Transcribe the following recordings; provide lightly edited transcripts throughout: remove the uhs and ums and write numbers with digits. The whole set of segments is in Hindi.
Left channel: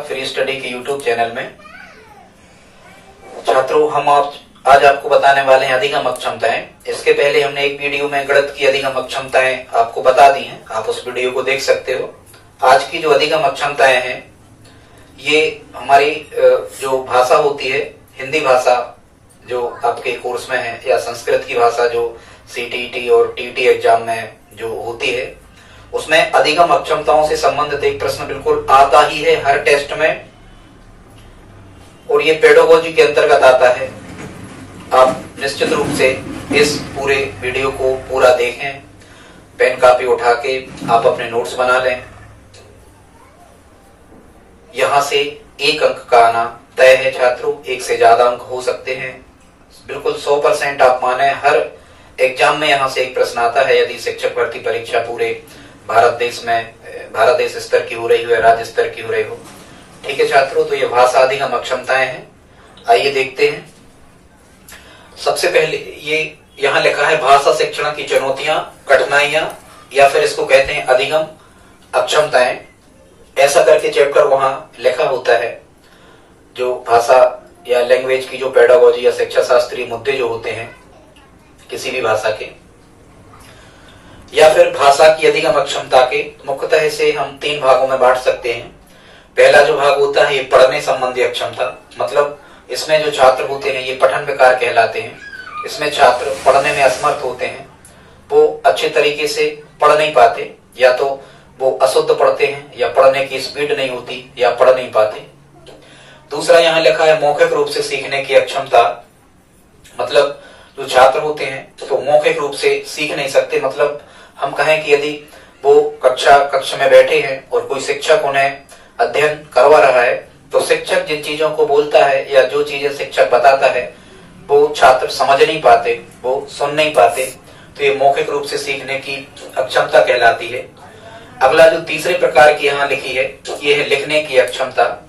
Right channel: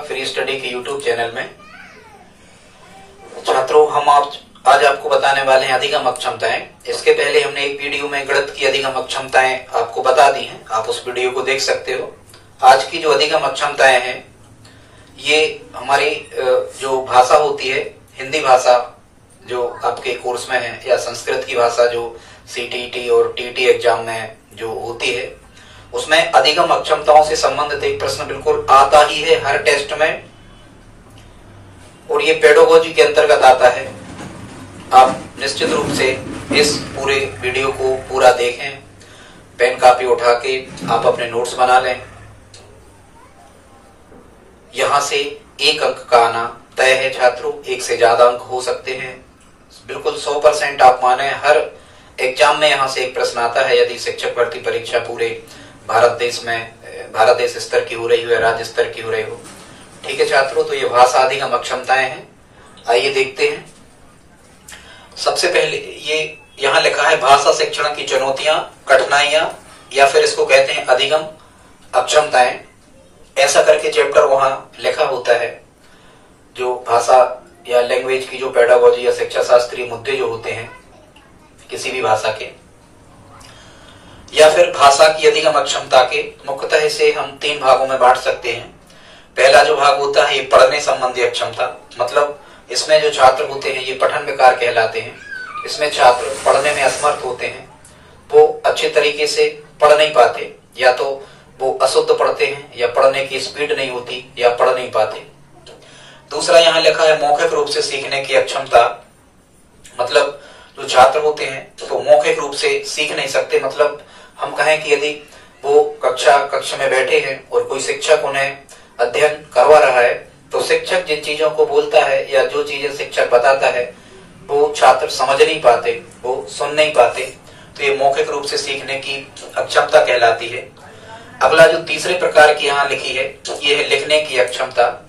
फ्री स्टडी के यूट्यूब चैनल में। छात्रों, हम आज आपको बताने वाले हैं अधिगम अक्षमताएं। इसके पहले हमने एक वीडियो में गणित की अधिगम अक्षमताएं आपको बता दी हैं, आप उस वीडियो को देख सकते हो। आज की जो अधिगम अक्षमताएं हैं ये हमारी जो भाषा होती है, हिंदी भाषा जो आपके कोर्स में है, या संस्कृत की भाषा जो सीटीईटी और टीईटी एग्जाम में जो होती है, उसमें अधिगम अक्षमताओं से संबंधित एक प्रश्न बिल्कुल आता ही है हर टेस्ट में, और ये पेडागोजी के अंतर्गत आता है। आप निश्चित रूप से इस पूरे वीडियो को पूरा देखें, पेन कापी उठा के आप अपने नोट्स बना लें। यहां से एक अंक का आना तय है छात्रों, एक से ज्यादा अंक हो सकते हैं। बिल्कुल 100% आप माने, हर एग्जाम में यहां से एक प्रश्न आता है यदि शिक्षक भर्ती परीक्षा पूरे भारत देश स्तर की हो रही हो या राज्य स्तर की हो रही हो। ठीक है छात्रों, तो ये भाषा अधिगम अक्षमताएं हैं। आइए देखते हैं। सबसे पहले ये यहाँ लिखा है भाषा शिक्षण की चुनौतियां, कठिनाइयां, या फिर इसको कहते हैं अधिगम अक्षमताएं। ऐसा करके चैप्टर वहां लिखा होता है। जो भाषा या लैंग्वेज की जो पेडागोजी या शिक्षा शास्त्रीय मुद्दे जो होते हैं किसी भी भाषा के, या फिर भाषा की अधिगम अक्षमता के, मुख्यतः इसे हम 3 भागों में बांट सकते हैं। पहला जो भाग होता है ये पढ़ने संबंधी अक्षमता, मतलब इसमें जो छात्र होते हैं ये पठन विकार कहलाते हैं। इसमें छात्र पढ़ने में असमर्थ होते हैं, वो अच्छे तरीके से पढ़ नहीं पाते, या तो वो अशुद्ध पढ़ते हैं, या पढ़ने की स्पीड नहीं होती, या पढ़ नहीं पाते। दूसरा यहाँ लिखा है मौखिक रूप से सीखने की अक्षमता, मतलब जो छात्र होते हैं तो मौखिक रूप से सीख नहीं सकते। मतलब हम कहें कि यदि वो कक्षा में बैठे हैं और कोई शिक्षक उन्हें अध्ययन करवा रहा है, तो शिक्षक जिन चीजों को बोलता है या जो चीजें शिक्षक बताता है वो छात्र समझ नहीं पाते, वो सुन नहीं पाते, तो ये मौखिक रूप से सीखने की अक्षमता कहलाती है। अगला जो तीसरे प्रकार की यहाँ लिखी है ये है लिखने की अक्षमता,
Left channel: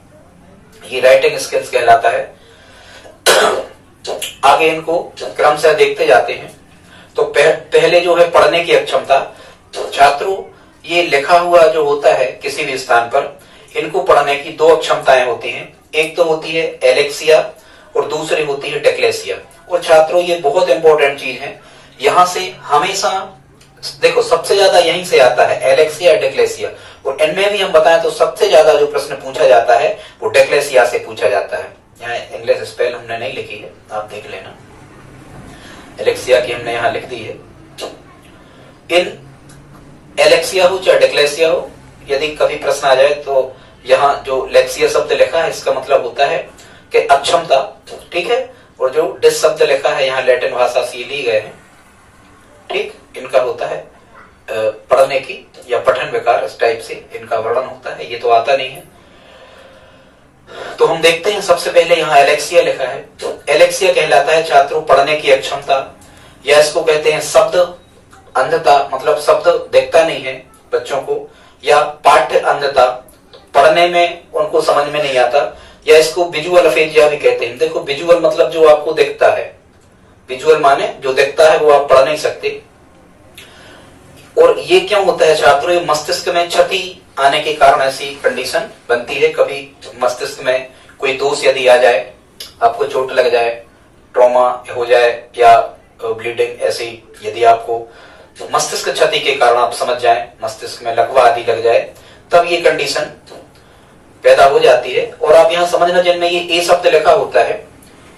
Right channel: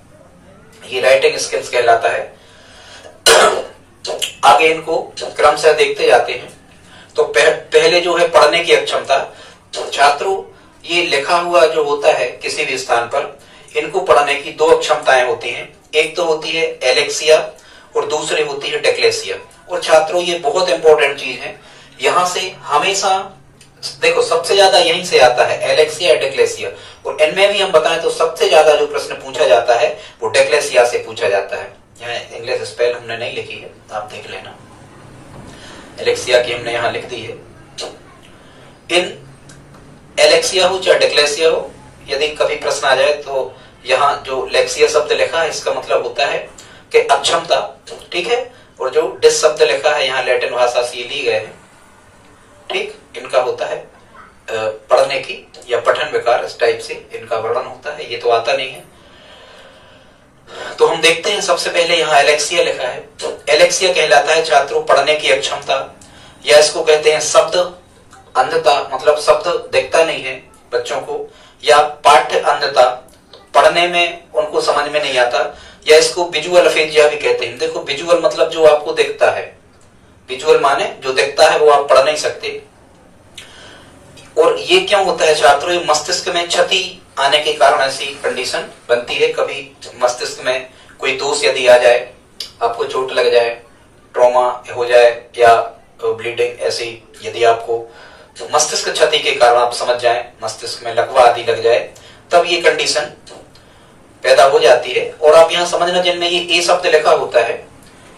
ये राइटिंग स्किल्स कहलाता है। आगे इनको क्रमशः देखते जाते हैं। तो पहले जो है पढ़ने की अक्षमता, छात्रों ये लिखा हुआ जो होता है किसी भी स्थान पर, इनको पढ़ने की 2 अक्षमताएं होती हैं। एक तो होती है एलेक्सिया और दूसरी होती है डिस्लेक्सिया। और छात्रों ये बहुत इंपॉर्टेंट चीज है, यहां से हमेशा देखो सबसे ज्यादा यहीं से आता है एलेक्सिया डिस्लेक्सिया, और इनमें भी हम बताएं तो सबसे ज्यादा जो प्रश्न पूछा जाता है वो डिस्लेक्सिया से पूछा जाता है। यहाँ इंग्लिश स्पेल हमने नहीं लिखी है, आप देख लेना, एलेक्सिया की हमने यहाँ लिख दी है। इन एलेक्सिया हो चाहे डिस्लेक्सिया हो, यदि कभी प्रश्न आ जाए तो यहाँ जो लेक्सिया शब्द लिखा है इसका मतलब होता है कि अक्षमता, ठीक है। और जो डिस शब्द लिखा है यहाँ लैटिन भाषा से ली गए हैं, ठीक, इनका होता है पढ़ने की या पठन विकार, इस टाइप से इनका वर्णन होता है। ये तो आता नहीं है, तो हम देखते हैं। सबसे पहले यहाँ एलेक्सिया लिखा है, तो एलेक्सिया कहलाता है छात्रों पढ़ने की अक्षमता, या इसको कहते हैं शब्द अंधता, मतलब शब्द दिखता नहीं है बच्चों को, या पाठ्य अंधता, पढ़ने में उनको समझ में नहीं आता, या इसको विजुअल अफेजिया भी कहते हैं। देखो विजुअल मतलब जो आपको दिखता है, विजुअल माने जो दिखता है वो आप पढ़ नहीं सकते। और ये क्यों होता है छात्रों, ये मस्तिष्क में क्षति आने के कारण ऐसी कंडीशन बनती है। कभी मस्तिष्क में कोई दोष यदि आ जाए, आपको चोट लग जाए, ट्रॉमा हो जाए, या ब्लीडिंग ऐसी यदि आपको मस्तिष्क क्षति के कारण आप समझ जाएं, मस्तिष्क में लकवा आदि लग जाए, तब ये कंडीशन पैदा हो जाती है। और आप यहाँ समझना, जिनमें ये ए शब्द लिखा होता है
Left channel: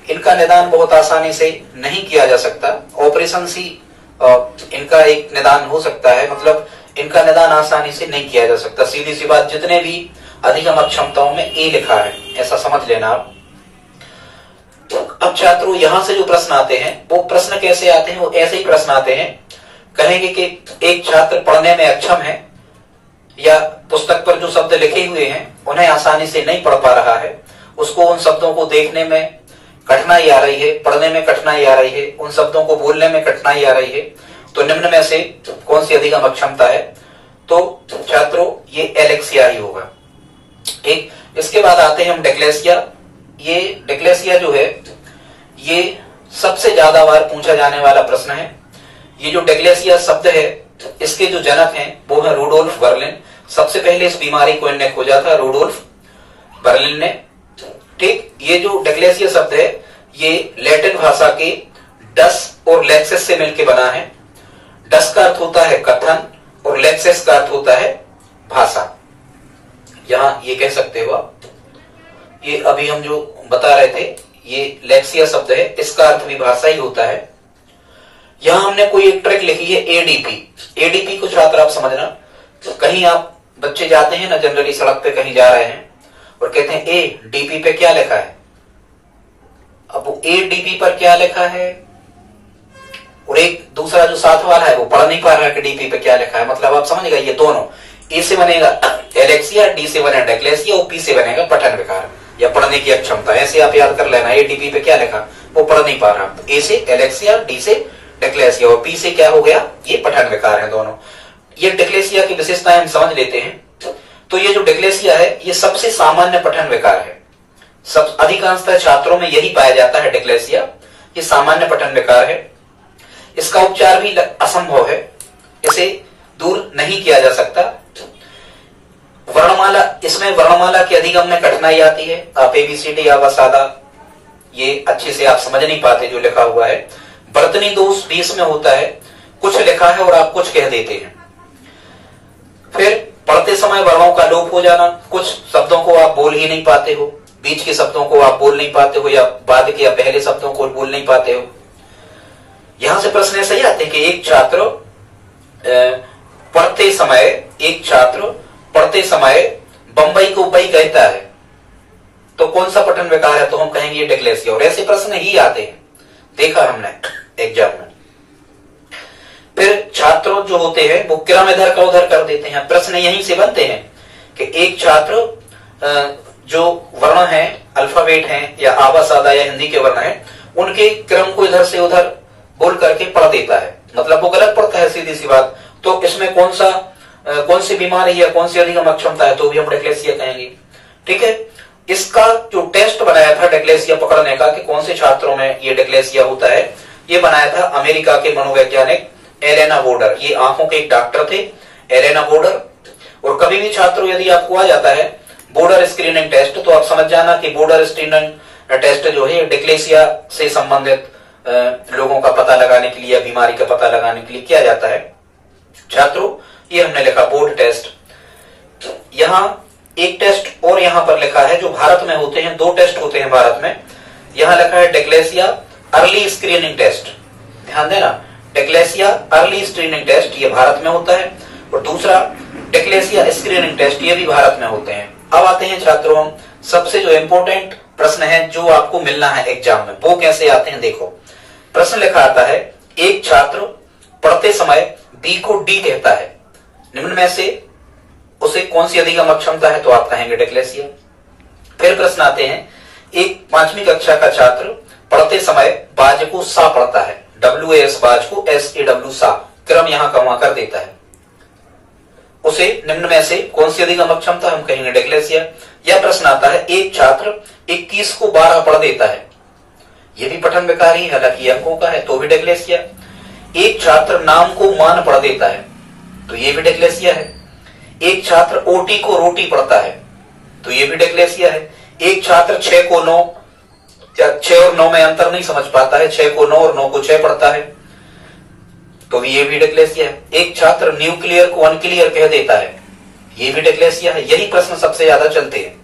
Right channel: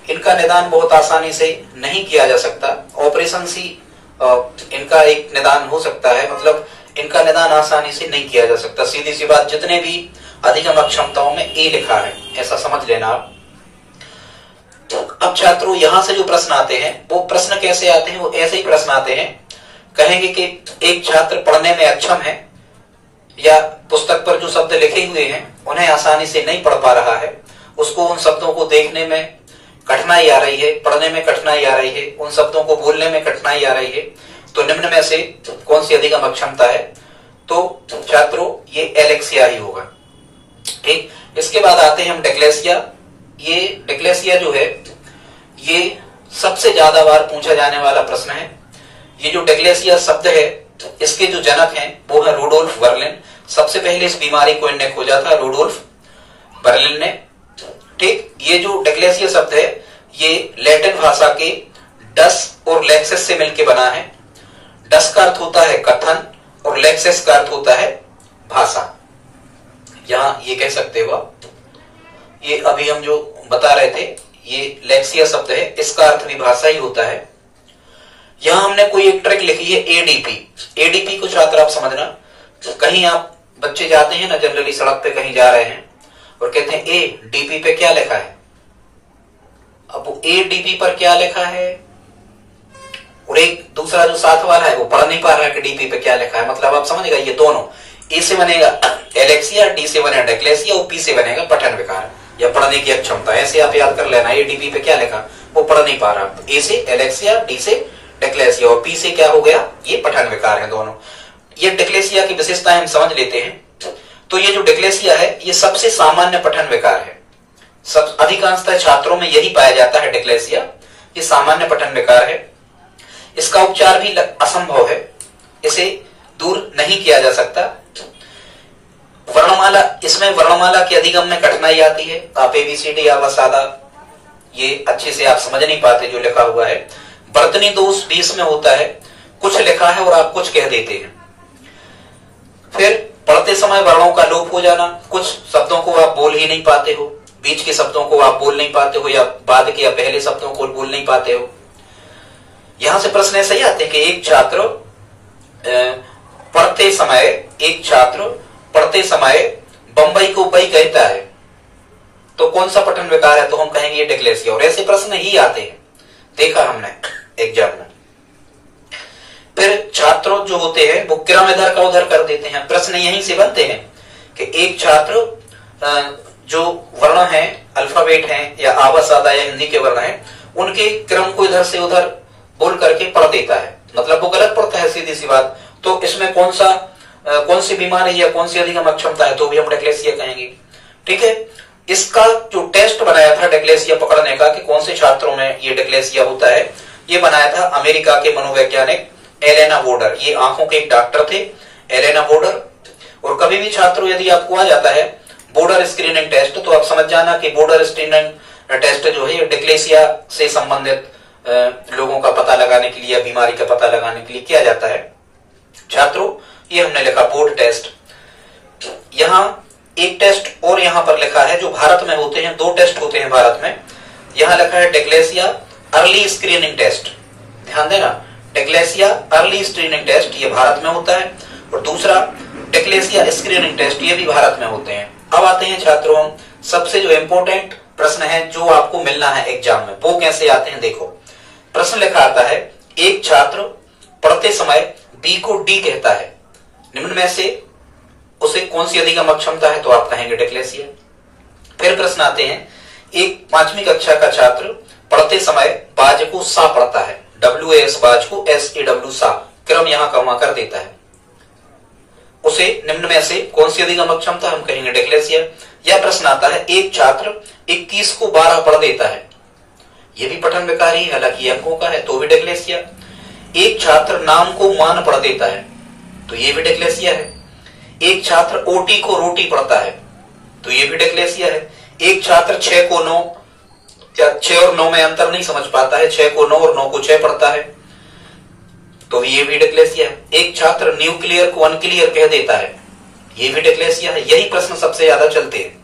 इनका निदान बहुत आसानी से नहीं किया जा सकता। ऑपरेशन सी इनका एक निदान हो सकता है, मतलब इनका निदान आसानी से नहीं किया जा सकता। सीधी सी बात, जितने भी अधिगम अक्षमताओं में ए लिखा है ऐसा समझ लेना आप। अब छात्रों यहाँ से जो प्रश्न आते हैं वो प्रश्न कैसे आते हैं, वो ऐसे ही प्रश्न आते हैं। कहेंगे कि एक छात्र पढ़ने में अक्षम है, या पुस्तक पर जो शब्द लिखे हुए हैं उन्हें आसानी से नहीं पढ़ पा रहा है, उसको उन शब्दों को देखने में कठिनाई आ रही है, पढ़ने में कठिनाई आ रही है, उन शब्दों को बोलने में कठिनाई आ रही है, तो निम्न में से कौन सी अधिगम अक्षमता है? तो छात्रों ये एलेक्सिया ही होगा, ठीक। इसके बाद आते हैं हम डिस्लेक्सिया। ये डिस्लेक्सिया जो है ये सबसे ज्यादा बार पूछा जाने वाला प्रश्न है। ये जो डिस्लेक्सिया शब्द है इसके जो जनक हैं वो है रूडोल्फ वर्लिन। सबसे पहले इस बीमारी को इन्होंने खोजा था रूडोल्फ। बर्लिन ने। ठीक, ये जो डिक्लेसिया शब्द है ये लैटिन भाषा के डस और लेक्सिस से मिलकर बना है। डस का अर्थ होता है कथन और लेक्सिस का अर्थ होता है भाषा। यहां ये कह सकते हो आप, ये अभी हम जो बता रहे थे ये लेक्सिया शब्द है, इसका अर्थ भी भाषा ही होता है। यहां हमने कोई एक ट्रिक लिखी है एडीपी। एडीपी को छात्र आप समझना, कहीं आप बच्चे जाते हैं ना जनरली सड़क पे कहीं जा रहे हैं और कहते हैं ए डीपी पे क्या लिखा है। अब वो ए डीपी पर क्या लिखा है और एक दूसरा जो साथ वाला है वो पढ़ नहीं पा रहा है कि डीपी पे क्या लिखा है। मतलब आप समझ गए, ये दोनों ए से बनेगा एलेक्सिया, डी से बनेगा डिक्लेसिया और पी से बनेगा पठन विकार या पढ़ने की अक्षमता। ऐसे आप याद कर लेना, ए डीपी पे क्या लिखा वो पढ़ नहीं पा रहा। ए से एलेक्सिया, डी से डिक्लेसिया और पी से क्या हो गया, ये पठन विकार है दोनों। ये डिक्लेसिया की विशेषताएं हम समझ लेते हैं। तो ये जो डिक्लेसिया है ये सबसे सामान्य पठन विकार है, सब अधिकांशतः छात्रों में यही पाया जाता है डिक्लेसिया। ये सामान्य पठन विकार है, इसका उपचार भी असंभव है, इसे दूर नहीं किया जा सकता। वर्णमाला, इसमें वर्णमाला के अधिगम में कठिनाई आती है। आप एबीसीडी या सादा ये अच्छे से आप समझ नहीं पाते जो लिखा हुआ है। वर्तनी दोष भी इसमें होता है, कुछ लिखा है और आप कुछ कह देते हैं। फिर पढ़ते समय वर्णों का लोप हो जाना, कुछ शब्दों को आप बोल ही नहीं पाते हो, बीच के शब्दों को आप बोल नहीं पाते हो या बाद के या पहले शब्दों को बोल नहीं पाते हो। यहां से प्रश्न ऐसे ही आते हैं कि एक छात्र पढ़ते समय बंबई को बई कहता है, तो कौन सा पठन विकार है, तो हम कहेंगे ये डिक्लेसिया। और ऐसे प्रश्न ही आते हैं, देखा हमने एग्जाम में। फिर छात्र जो होते हैं वो क्रम इधर का उधर कर देते हैं। प्रश्न यहीं से बनते हैं कि एक छात्र जो वर्ण है, अल्फाबेट है या आवाज आदा या हिंदी के वर्ण है, उनके क्रम को इधर से उधर बोल करके पढ़ देता है, मतलब वो गलत पढ़ता है, सीधी सी बात। तो इसमें कौन सी बीमारी है, कौन सी अधिगम अक्षमता है, तो भी हम डिक्लेसिया कहेंगे। ठीक है, इसका जो टेस्ट बनाया था डिक्लेसिया पकड़ने का कि कौन से छात्रों में ये डिक्लेसिया होता है, ये बनाया था अमेरिका के मनोवैज्ञानिक एलेना वोडर। ये आंखों के एक डॉक्टर थे, एलेना वोडर। और कभी भी छात्रों यदि आपको आ जाता है बोर्डर स्क्रीनिंग टेस्ट, तो आप समझ जाना कि बोर्डर स्क्रीनिंग टेस्ट जो है डिक्लेसिया से संबंधित लोगों का पता लगाने के लिए, बीमारी का पता लगाने के लिए किया जाता है। छात्रों ये हमने लिखा बोर्ड टेस्ट। यहां एक टेस्ट और यहां पर लिखा है जो भारत में होते हैं, 2 टेस्ट होते हैं भारत में। यहां लिखा है डिक्लेसिया अर्ली स्क्रीनिंग टेस्ट, ध्यान देना, डिक्लेसिया अर्ली स्क्रीनिंग टेस्ट ये भारत में होता है, और दूसरा डिक्लेसिया स्क्रीनिंग टेस्ट ये भी भारत में होते हैं। अब आते हैं छात्रों सबसे जो इंपॉर्टेंट प्रश्न है जो आपको मिलना है एग्जाम में, वो कैसे आते हैं देखो। प्रश्न लिखा आता है, एक छात्र पढ़ते समय बी को डी कहता है, निम्न में से उसे कौन सी अधिगम अक्षमता है, तो आप कहेंगे डिक्लेसिया। फिर प्रश्न आते हैं, एक 5वीं कक्षा का छात्र पढ़ते समय बाज को सा पढ़ता है, WAS बाज को SAW सा, क्रम यहां का वहां कर देता है, उसे निम्न में से कौन सी अधिगम अक्षमता, हम कहेंगे डिक्लेसिया। यह प्रश्न आता है, एक छात्र 21 को 12 पढ़ देता है, यह भी पठन विकार ही, हालांकि अंकों का है, तो भी डिक्लेसिया। एक छात्र नाम को मान पढ़ देता है, तो ये भी डिक्लेसिया है। एक छात्र ओटी को रोटी पढ़ता है, तो ये भी डिक्लेसिया है। एक छात्र 6 को 9, 6 और 9 में अंतर नहीं समझ पाता है, 6 को 9 और 9 को 6 पढ़ता है, तो ये भी डिक्लेसिया है। एक छात्र न्यूक्लियर को अनक्लियर कह देता है, ये भी डिक्लेसिया है। यही प्रश्न सबसे ज्यादा चलते हैं।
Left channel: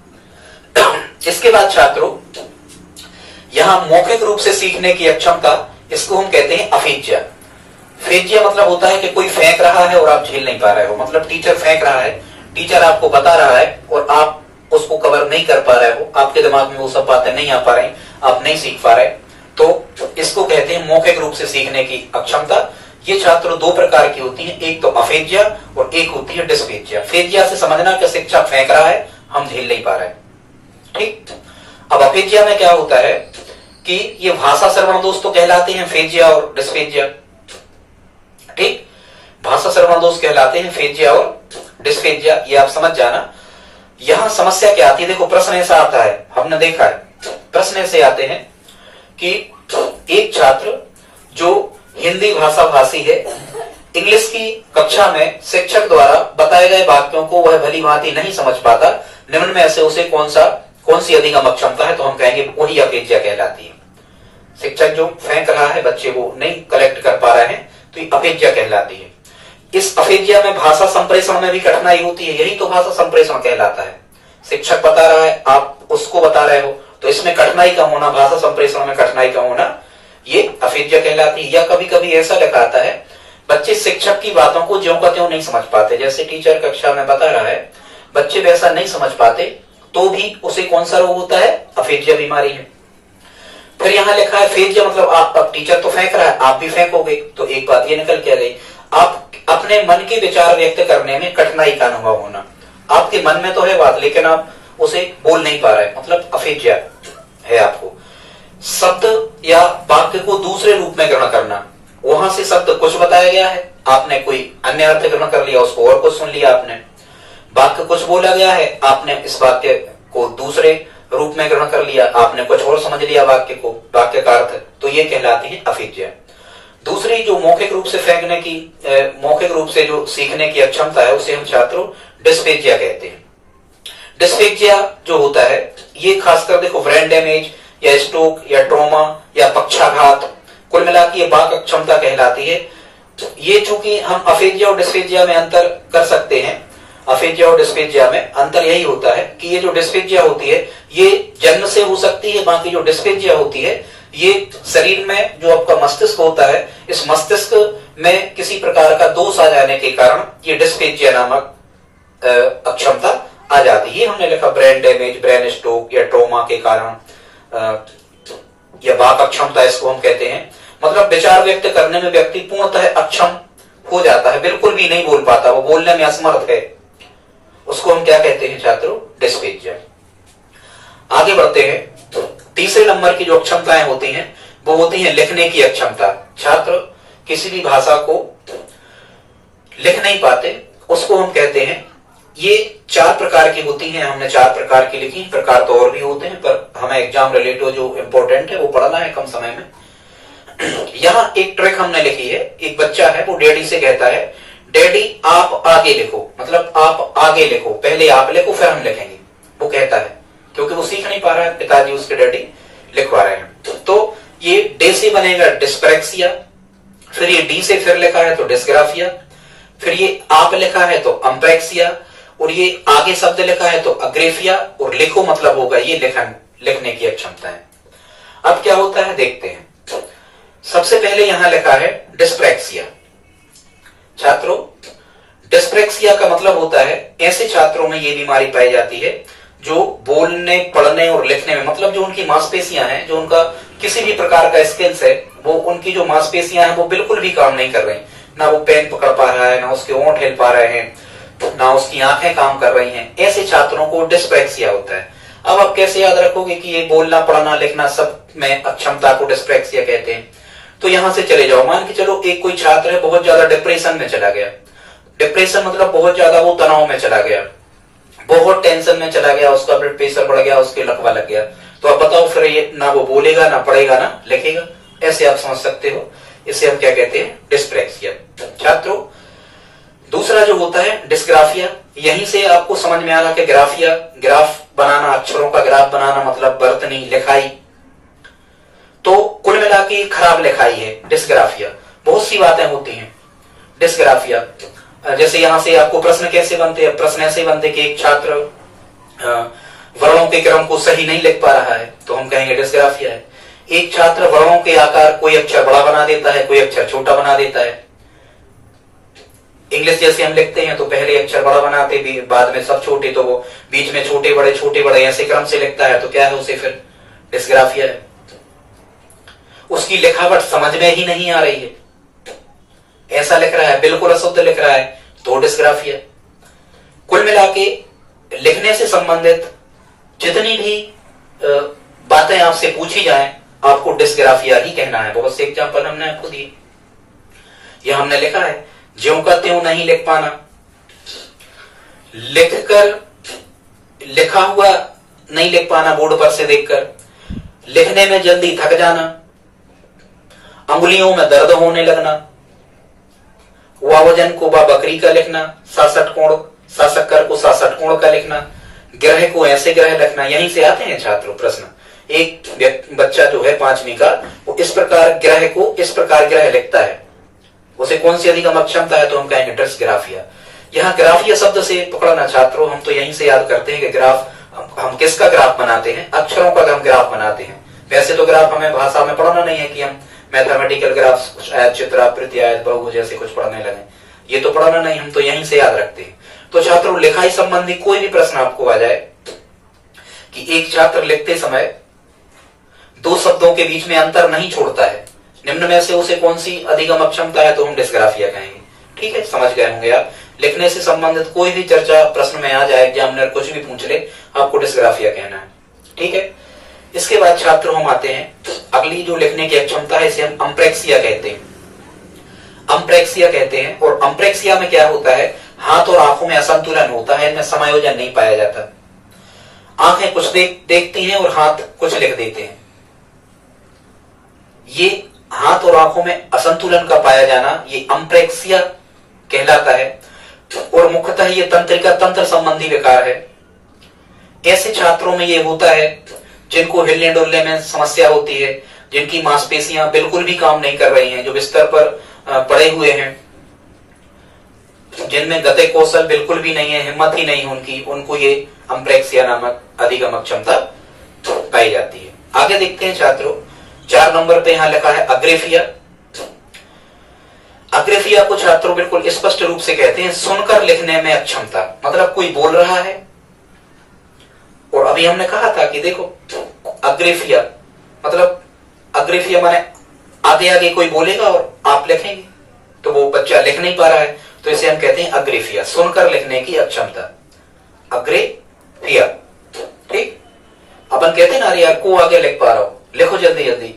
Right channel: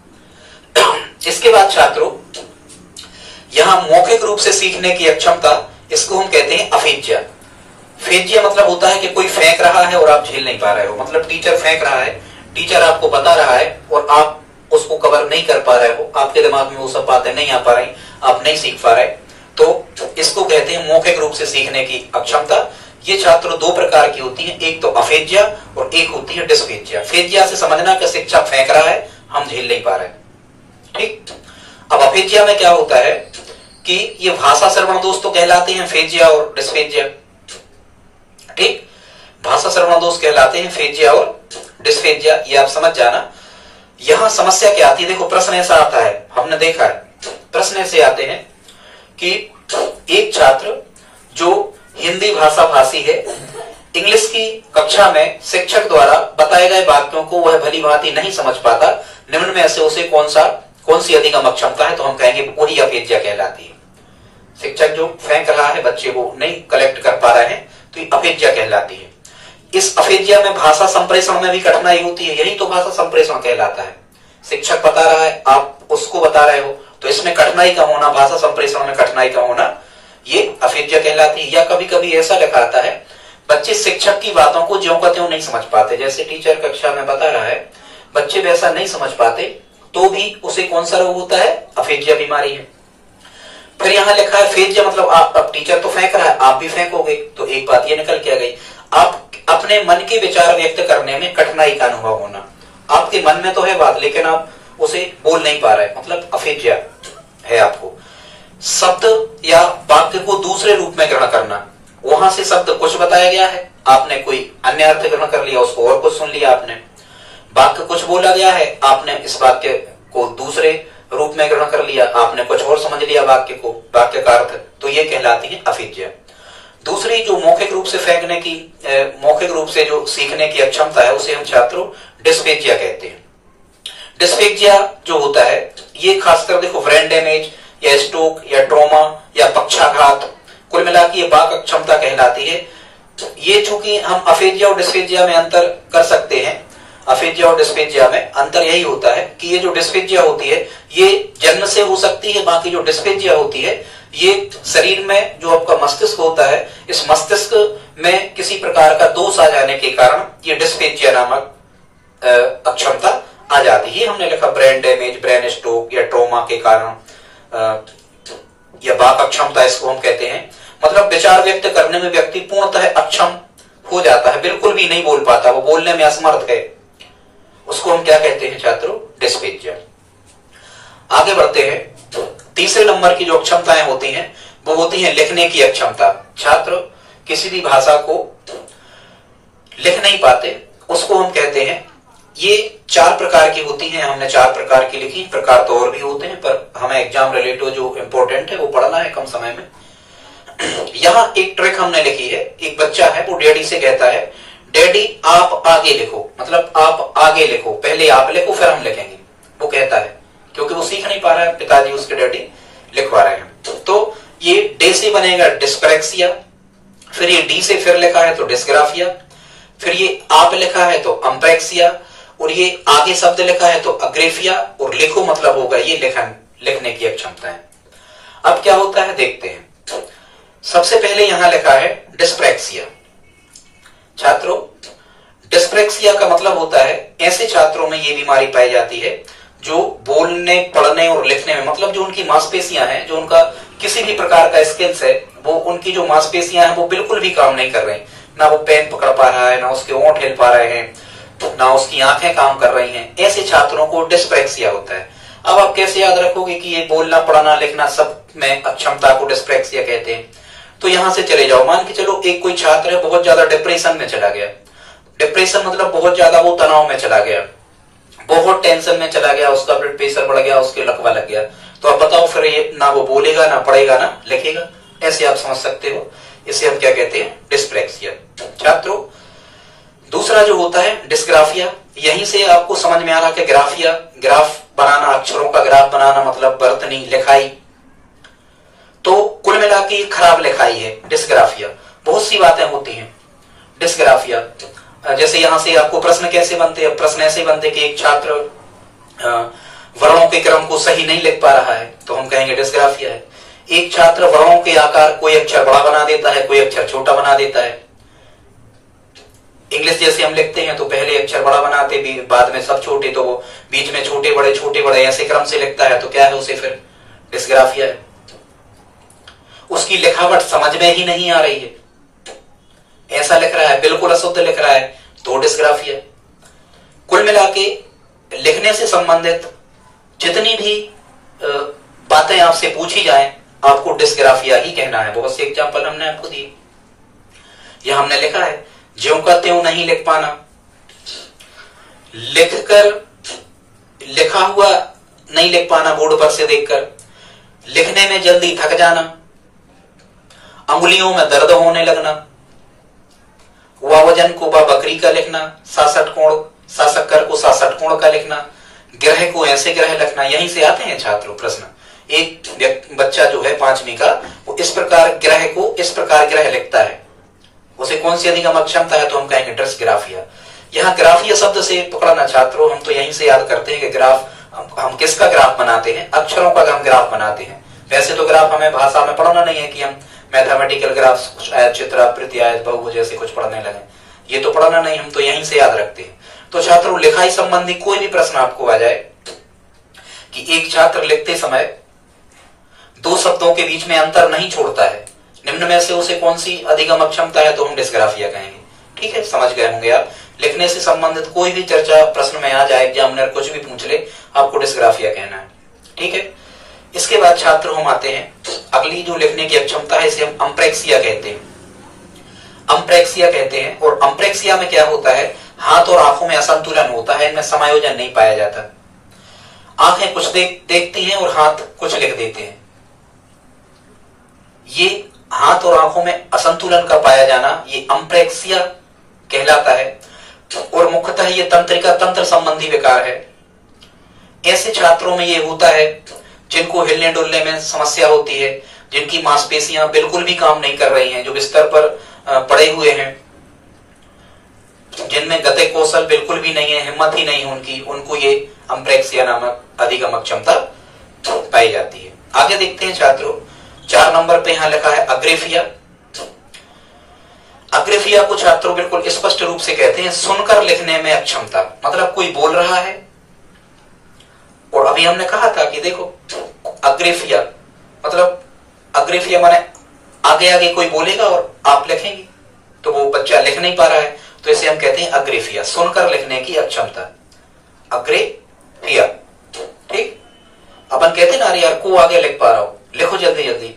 इसके बाद छात्रों यहां मौखिक रूप से सीखने की अक्षमता, इसको हम कहते हैं अफेजिया। फेजिया मतलब होता है कि कोई फेंक रहा है और आप झेल नहीं पा रहे हो, मतलब टीचर फेंक रहा है, टीचर आपको बता रहा है और आप उसको कवर नहीं कर पा रहे हो, आपके दिमाग में वो सब बातें नहीं आ पा रही, आप नहीं सीख पा रहे, तो इसको कहते हैं मौखिक रूप से सीखने की अक्षमता। ये छात्र 2 प्रकार की होती है, एक तो अफेजिया और एक होती है डिस्फेजिया। फेजिया से समझना कि शिक्षक फेंक रहा है, हम झेल नहीं पा रहे, ठीक। अब अफेजिया में क्या होता है कि ये भाषा श्रवण दोष तो कहलाते हैं फेजिया और डिस्फेजिया, ठीक, भाषा श्रवण दोष कहलाते हैं फेजिया और डिस्फेजिया, ये आप समझ जाना। यहां समस्या क्या आती है, देखो प्रश्न ऐसा आता है, हमने देखा है प्रश्न ऐसे आते हैं कि एक छात्र जो हिंदी भाषा भाषी है, इंग्लिश की कक्षा में शिक्षक द्वारा बताए गए वाक्यों को वह भली भांति नहीं समझ पाता, निम्न में से उसे कौन सा कौन सी अधिगम अक्षमता है, तो हम कहेंगे वही अपेज्या कहलाती है। शिक्षक जो फेंक रहा है, बच्चे वो नहीं कलेक्ट कर पा रहे हैं, तो ये अपेज्या कहलाती है। इस अपेज्या में भाषा संप्रेषण में भी कठिनाई होती है, यही तो भाषा संप्रेषण कहलाता है। शिक्षक बता रहा है, आप उसको बता रहे हो, तो इसमें कठिनाई का होना, भाषा संप्रेषण में कठिनाई का होना, ये अपेज्या कहलाती है। या कभी कभी ऐसा लिखा आता है, बच्चे शिक्षक की बातों को ज्यों का त्यों नहीं समझ पाते, जैसे टीचर कक्षा में बता रहा है, बच्चे वैसा नहीं समझ पाते, तो भी उसे कौन सा रोग होता है, अपेज्या बीमारी है। फिर यहाँ लिखा है फेज्या, मतलब आप, अब टीचर तो फेंक रहा है, आप भी फेंकोगे, तो एक बात ये निकल के आ गई, आप अपने मन के विचार व्यक्त करने में कठिनाई का अनुभव होना। आपके मन में तो है बात, लेकिन आप उसे बोल नहीं पा रहे, मतलब अपेज्या है आपको। शब्द या वाक्य को दूसरे रूप में ग्रहण करना, वहां से शब्द कुछ बताया गया है, आपने कोई अन्य अर्थ ग्रहण कर लिया, उसको और कुछ सुन लिया आपने। वाक्य कुछ बोला गया है, आपने इस वाक्य को दूसरे रूप में ग्रहण कर लिया, आपने कुछ और समझ लिया वाक्य को, वाक्य का अर्थ, तो ये कहलाती है अपेज्या। दूसरी जो मौखिक रूप से फेंकने की, मौखिक रूप से जो सीखने की अक्षमता है, उसे हम छात्रों डिस्पेजिया कहते हैं। डिस्पेजिया जो होता है, ये खासकर देखो ब्रेन डैमेज या स्ट्रोक या ट्रॉमा या पक्षाघात, कुल मिला के ये वाक अक्षमता कहलाती है। ये चूंकि हम अपेज्या और डिस्पेजिया में अंतर कर सकते हैं, अपेज्या और डिस्पेजिया में अंतर यही होता है कि ये जो डिस्पेजिया होती है ये जन्म से हो सकती है, बाकी जो डिस्पेजिया होती है ये शरीर में जो आपका मस्तिष्क होता है, इस मस्तिष्क में किसी प्रकार का दोष आ जाने के कारण ये डिस्पेजिया नामक अक्षमता आ जाती है। हमने लिखा ब्रेन डैमेज, ब्रेन स्ट्रोक या ट्रोमा के कारण या वाक अक्षमता इसको हम कहते हैं। मतलब विचार व्यक्त करने में व्यक्ति पूर्णतः अक्षम हो जाता है, बिल्कुल भी नहीं बोल पाता, वो बोलने में असमर्थ है, उसको हम क्या कहते हैं छात्रों, डिस्पेजिया। आगे बढ़ते हैं, तीसरे नंबर की जो अक्षमताएं होती हैं वो होती हैं लिखने की अक्षमता। छात्र किसी भी भाषा को लिख नहीं पाते, उसको हम कहते हैं, ये 4 प्रकार की होती हैं, हमने 4 प्रकार की लिखी, प्रकार तो और भी होते हैं, पर हमें एग्जाम रिलेटिव जो इंपॉर्टेंट है वो पढ़ना है कम समय में। यहाँ एक ट्रिक हमने लिखी है, एक बच्चा है वो डैडी से कहता है, डैडी आप आगे लिखो, मतलब आप आगे लिखो, पहले आप लिखो फिर हम लिखेंगे, वो कहता है, क्योंकि वो सीख नहीं पा रहा है, पिताजी उसके डैडी लिखवा रहे हैं। तो ये डे से बनेगा डिस्प्रेक्सिया, फिर ये डी से फिर लिखा है तो डिस्ग्राफिया, फिर ये आप लिखा है तो अम्प्रेक्सिया, और ये आगे शब्द लिखा है तो अग्रेफिया, और लिखो मतलब होगा ये लिखने की अक्षमता है। अब क्या होता है देखते हैं। सबसे पहले यहां लिखा है डिस्प्रेक्सिया। छात्रों, डिस्प्रेक्सिया का मतलब होता है ऐसे छात्रों में ये बीमारी पाई जाती है जो बोलने, पढ़ने और लिखने में, मतलब जो उनकी मांसपेशियां हैं, जो उनका किसी भी प्रकार का स्किल्स है, वो उनकी जो मांसपेशियां हैं वो बिल्कुल भी काम नहीं कर रही, ना वो पेन पकड़ पा रहा है, ना उसके होंठ हिल पा रहे हैं, ना उसकी आंखें काम कर रही हैं। ऐसे छात्रों को डिस्प्रेक्सिया होता है। अब आप कैसे याद रखोगे कि ये बोलना, पढ़ना, लिखना सब में अक्षमता को डिस्प्रेक्सिया कहते हैं? तो यहां से चले जाओ, मान के चलो एक कोई छात्र है बहुत ज्यादा डिप्रेशन में चला गया, डिप्रेशन मतलब बहुत ज्यादा वो तनाव में चला गया, बहुत टेंशन में चला गया, उसका ब्लड प्रेशर बढ़ गया, उसके लकवा लग गया, तो अब बताओ फिर ये ना वो बोलेगा, ना पढ़ेगा, ना लिखेगा। ऐसे आप समझ सकते हो, इसे हम क्या कहते हैं, डिस्प्रेक्सिया। छात्रों, दूसरा जो होता है डिस्ग्राफिया, यहीं से आपको समझ में आ रहा कि ग्राफिया, ग्राफ बनाना, अक्षरों का ग्राफ बनाना मतलब वर्तनी, लिखाई, तो कुल मिला के खराब लिखाई है डिस्ग्राफिया। बहुत सी बातें होती हैं डिस्ग्राफिया, जैसे यहां से आपको प्रश्न कैसे बनते हैं, प्रश्न ऐसे बनते कि एक छात्र वर्णों के क्रम को सही नहीं लिख पा रहा है, तो हम कहेंगे डिस्ग्राफिया है। एक छात्र वर्णों के आकार, कोई अक्षर बड़ा बना देता है, कोई अक्षर छोटा बना देता है। इंग्लिश जैसे हम लिखते हैं तो पहले अक्षर बड़ा बनाते, बाद में सब छोटे, तो वो बीच में छोटे बड़े ऐसे क्रम से लिखता है, तो क्या है, उसे फिर डिस्ग्राफिया है। उसकी लिखावट समझ में ही नहीं आ रही है, ऐसा लिख रहा है, बिल्कुल अशुद्ध लिख रहा है, तो डिस्ग्राफिया। कुल मिला के लिखने से संबंधित जितनी भी बातें आपसे पूछी जाएं, आपको डिस्ग्राफिया ही कहना है। बहुत से एग्जाम्पल हमने आपको दिए। यह हमने लिखा है, ज्यों का त्यों नहीं लिख पाना, लिखकर लिखा हुआ नहीं लिख पाना बोर्ड पर से देखकर, लिखने में जल्दी थक जाना, अंगुलियों में दर्द होने लगना, वावजन को बकरी का लिखना, 66 कोण, सासक्कर को 66 कोण का लिखना, ग्रह को ऐसे ग्रह लिखना, यहीं से आते हैं छात्रों प्रश्न। एक बच्चा जो है 5वीं का, वो इस प्रकार ग्रह को इस प्रकार ग्रह लिखता है, उसे कौन सी अधिगम अक्षमता है? तो हम कहेंगे डिस्ग्राफिया। यहाँ ग्राफिया शब्द से पकड़ना छात्रों, हम तो यहीं से याद करते हैं कि ग्राफ, हम किसका ग्राफ बनाते हैं? अक्षरों का हम ग्राफ बनाते हैं। वैसे तो ग्राफ हमें भाषा में पढ़ना नहीं है कि हम मैथमेटिकल ग्राफ, चित्र, आकृति, आयत, बहुभुज जैसे कुछ पढ़ने लगे, ये तो पढ़ना नहीं, हम तो यहीं से याद रखते हैं। तो छात्रों लिखाई संबंधी कोई भी प्रश्न आपको आ जाए कि एक छात्र लिखते समय 2 शब्दों के बीच में अंतर नहीं छोड़ता है, निम्न में से उसे कौन सी अधिगम अक्षमता है? तो हम डिस्ग्राफिया कहेंगे। ठीक है, समझ गए होंगे आप। लिखने से संबंधित कोई भी चर्चा प्रश्न में आ जाए, एग्जामिनर कुछ भी पूछ ले, आपको डिस्ग्राफिया कहना है। ठीक है, इसके बाद छात्र हम आते हैं अगली जो लिखने की अक्षमता है, इसे हम अम्प्रेक्सिया कहते हैं। अम्प्रेक्सिया कहते हैं, और अम्प्रेक्सिया में क्या होता है? हाथ और आंखों में असंतुलन होता है, इनमें समायोजन नहीं पाया जाता। आंखें कुछ देखती हैं और हाथ कुछ लिख देते हैं। ये हाथ और आंखों में असंतुलन का पाया जाना, ये अम्प्रेक्सिया कहलाता है, और मुख्यतः ये तंत्रिका तंत्र संबंधी विकार है। ऐसे छात्रों में ये होता है जिनको हिलने डुलने में समस्या होती है, जिनकी मांसपेशियां बिल्कुल भी काम नहीं कर रही हैं, जो बिस्तर पर पड़े हुए हैं, जिनमें गति कौशल बिल्कुल भी नहीं है, हिम्मत ही नहीं उनकी, उनको ये अम्प्रेक्सिया नामक अधिगम अक्षमता पाई जाती है। आगे देखते हैं छात्रों, 4 नंबर पे यहां लिखा है अग्रेफिया। अग्रेफिया को छात्रों बिल्कुल स्पष्ट रूप से कहते हैं सुनकर लिखने में अक्षमता। मतलब कोई बोल रहा है, और अभी हमने कहा था कि देखो अग्रेफिया मतलब, अग्रेफिया माने आगे आगे कोई बोलेगा और आप लिखेंगे, तो वो बच्चा लिख नहीं पा रहा है, तो इसे हम कहते हैं अग्रेफिया, सुनकर लिखने की अक्षमता, अग्रेफिया। ठीक, अपन कहते हैं ना, अरे यार को आगे लिख पा रहा हो, लिखो जल्दी जल्दी।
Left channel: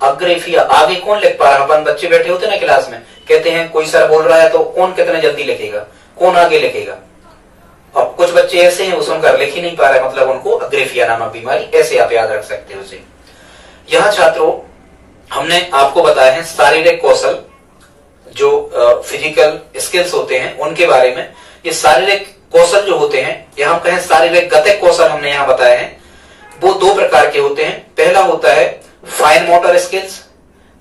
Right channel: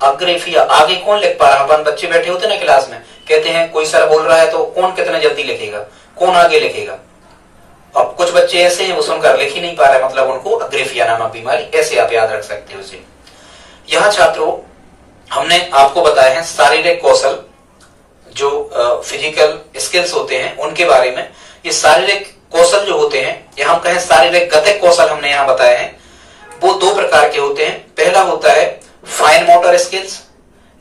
अग्रेफिया, आगे कौन लिख पा रहा है? अपन बच्चे बैठे होते ना क्लास में, कहते हैं कोई सर बोल रहा है तो कौन कितने जल्दी लिखेगा, कौन आगे लिखेगा? और कुछ बच्चे ऐसे हैं वो सुनकर लिख ही नहीं पा रहे, मतलब उनको अग्रेफिया नामक बीमारी, ऐसे आप याद रख सकते हो उसे। यहाँ छात्रों हमने आपको बताया है शारीरिक कौशल, जो फिजिकल स्किल्स होते हैं उनके बारे में। ये शारीरिक कौशल जो होते हैं, या हम कहें शारीरिक गतिक कौशल, हमने यहाँ बताया है, वो 2 प्रकार के होते हैं। पहला होता है फाइन मोटर स्किल्स,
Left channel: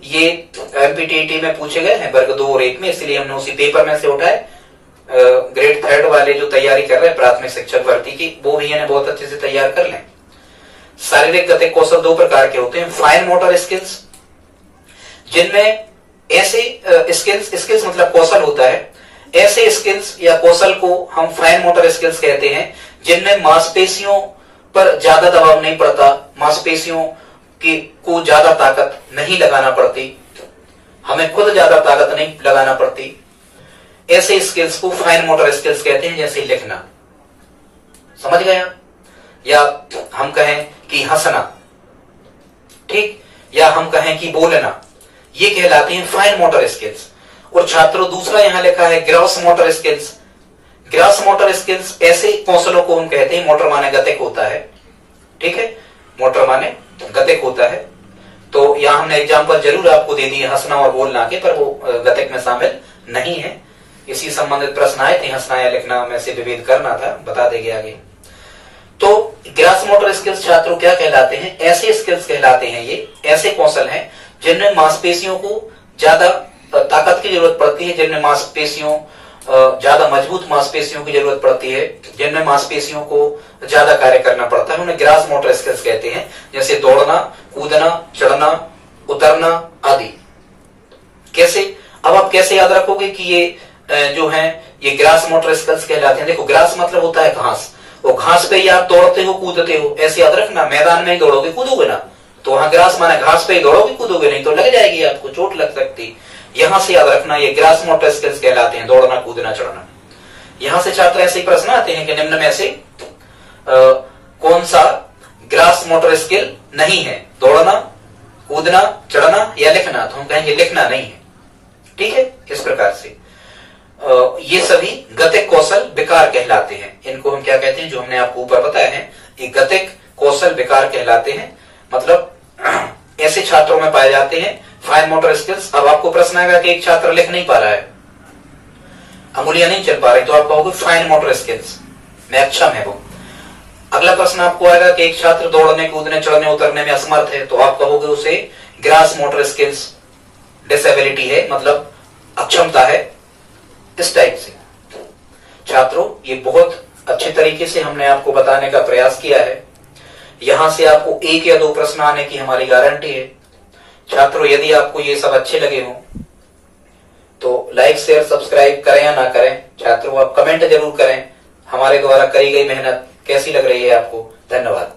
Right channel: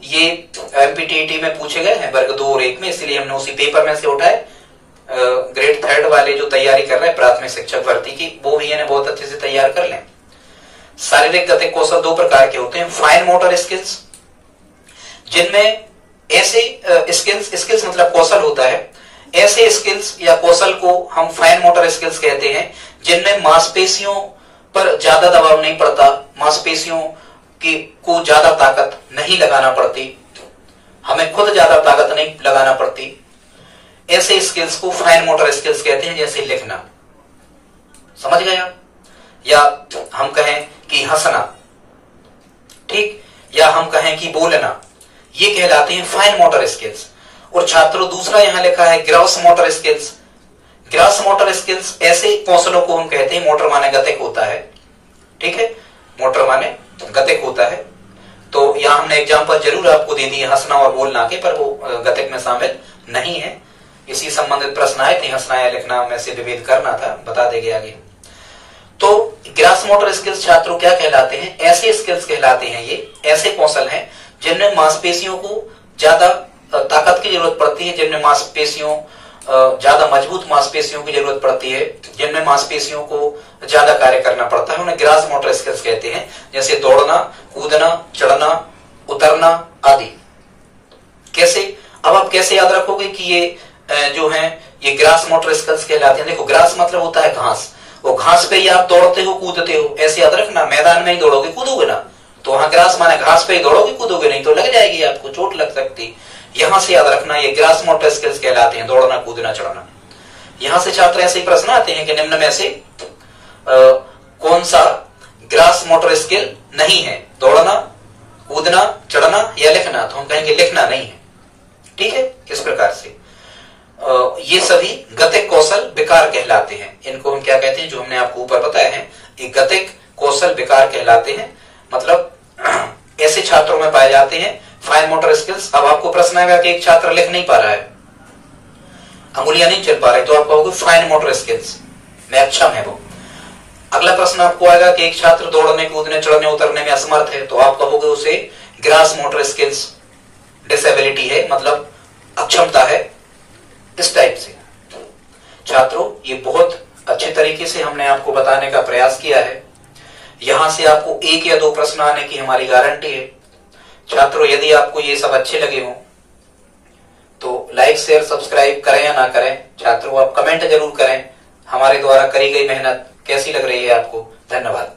ये एमपीटीईटी में पूछे गए हैं वर्ग 2 और 1 में, इसलिए हमने उसी पेपर में से उठाए। ग्रेड 3 वाले जो तैयारी कर रहे हैं प्राथमिक शिक्षक भर्ती की, वो भी इन्हें बहुत अच्छे से तैयार कर लें। शारीरिक गतिक कौशल 2 प्रकार के होते हैं। फाइन मोटर स्किल्स, जिनमें ऐसे स्किल्स मतलब कौशल होता है, ऐसे स्किल्स या कौशल को हम फाइन मोटर स्किल्स कहते हैं, जिनमें मांसपेशियों पर ज्यादा दबाव नहीं पड़ता, मांसपेशियों को ज्यादा ताकत नहीं लगाना पड़ती, हमें खुद ज्यादा ताकत नहीं लगाना पड़ती। ऐसे स्किल्स को फाइन मोटर स्किल्स कहते हैं, जैसे लिखना, समझ गया, या हम कहें कि हंसना, ठीक, या हम कहें कि बोलना, ये कहलाते हैं फाइन मोटर स्किल्स। और छात्रों दूसरा यहां लिखा है gross motor skills. Gross motor skills ऐसे कौशलों को हम कहते हैं, मोटर माने गतिक होता है, ठीक है, मोटर माने गतिक होता है। तो यहां हमने एग्जांपल जरूर आपको दे दिए हंसना और बोलना के, पर वो गतिक में शामिल नहीं है। इसी संबंधित प्रश्न आए थे, हंसना या लिखना में से विभेद करना था, बता देंगे आगे। तो ग्रॉस मोटर स्किल्स छात्रों क्या कहलाते हैं? ऐसे स्किल्स कहलाते हैं, ये ऐसे कौशल हैं जिनमें मांसपेशियों को ज्यादा ताकत की जरूरत पड़ती है, जिनमें मांसपेशियों ज्यादा मजबूत मांसपेशियों की जरूरत पड़ती है, जिनमें मांसपेशियों को ज्यादा कार्य करना पड़ता है, उन्हें ग्रॉस मोटर स्किल्स कहते हैं। जैसे दौड़ना, कूदना, चढ़ना, उतरना आदि। कैसे? अब आप कैसे याद रखोगे कि ये जो है ये ग्रॉस मोटर स्किल्स कहलाते हैं? देखो ग्रास मतलब होता है घास, वो घास पे ही आप दौड़ते हो कूदते हो, ऐसे याद रखना, मैदान में ही दौड़ोगे कूदोगे ना, तो वहां ग्रास माना घास पे ही दौड़ोगे कूदोगे, नहीं तो लग जाएगी आपको, चोट लग सकती। यहां से याद रखना ये ग्रॉस मोटर स्किल्स कहलाते हैं, दौड़ना, कूदना, चढ़ना। यहां से छात्र ऐसे प्रश्न आते हैं कि निम्न में से कौन सा ग्रॉस मोटर स्किल नहीं है? दौड़ना, कूदना, चढ़ना या लिखना? तो हम कहेंगे लिखना नहीं है, ठीक है। इस प्रकार से ये सभी गतिक कौशल विकार कहलाते हैं। इनको हम क्या कहते हैं, जो हमने आपको ऊपर बताया है, ये गतिक कौशल विकार कहलाते हैं, मतलब ऐसे छात्रों में पाए जाते हैं फाइन मोटर स्किल्स। अब आपको प्रश्न आएगा कि एक छात्र लिख नहीं पा रहा है, अंगुलियां नहीं चल पा रही, तो आप कहोगे फाइन मोटर स्किल्स में अक्षम है वो। अगला प्रश्न आपको आएगा कि एक छात्र दौड़ने, कूदने, चढ़ने, उतरने में असमर्थ है, तो आप कहोगे उसे ग्रास मोटर स्किल्स डिसेबिलिटी है, मतलब अक्षमता है। इस टाइप से छात्रों ये बहुत अच्छे तरीके से हमने आपको बताने का प्रयास किया है। यहां से आपको 1 या 2 प्रश्न आने की हमारी गारंटी है। छात्रों यदि आपको ये सब अच्छे लगे हों तो लाइक, शेयर, सब्सक्राइब करें या ना करें, छात्रों आप कमेंट जरूर करें। हमारे द्वारा करी गई मेहनत कैसी लग रही है आपको। धन्यवाद।